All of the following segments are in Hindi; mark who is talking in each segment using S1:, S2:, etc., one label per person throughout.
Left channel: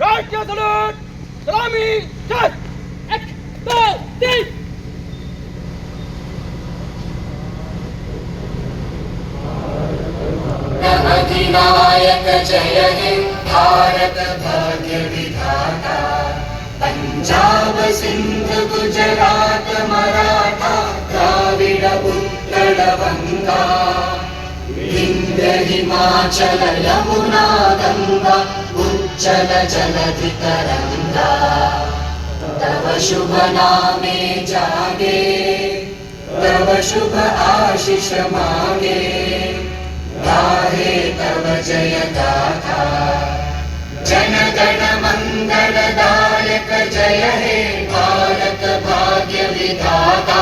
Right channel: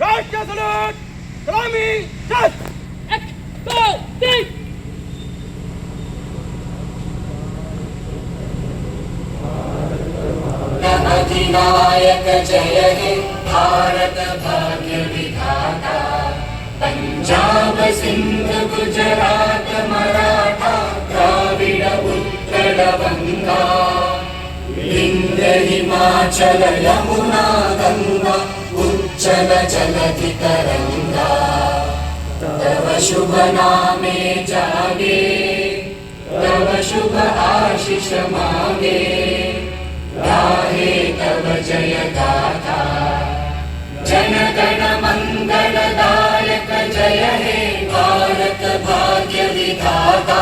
S1: राष्ट्रीय सलूट, सलामी चल एक, दो, तीन।
S2: जय हे भारत पंजाब सिंध, गुजरात, मराठा, द्राविड उत्कल गंगा हिमाचल, यमुना गंगा उच्चल जलधि तरंगा तव शुभ नामे जागे तव शुभ आशीष मागे गाहे तव जय गाथा जनगण मङ्गलदायक जय हे भारत भाग्य विधाता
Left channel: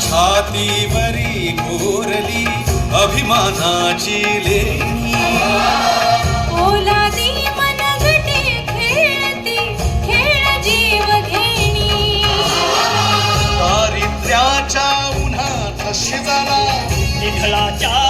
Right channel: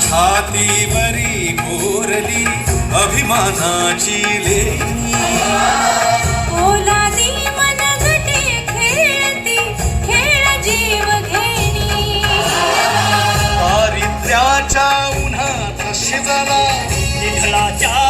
S3: छातीवरी कोरली अभिमानाची लेणी.
S4: ओलादी मनगटे खेळती खेळ जीव घेणी.
S3: दारिद्र्याच्या उन्हात शिजला
S5: निधळाच्या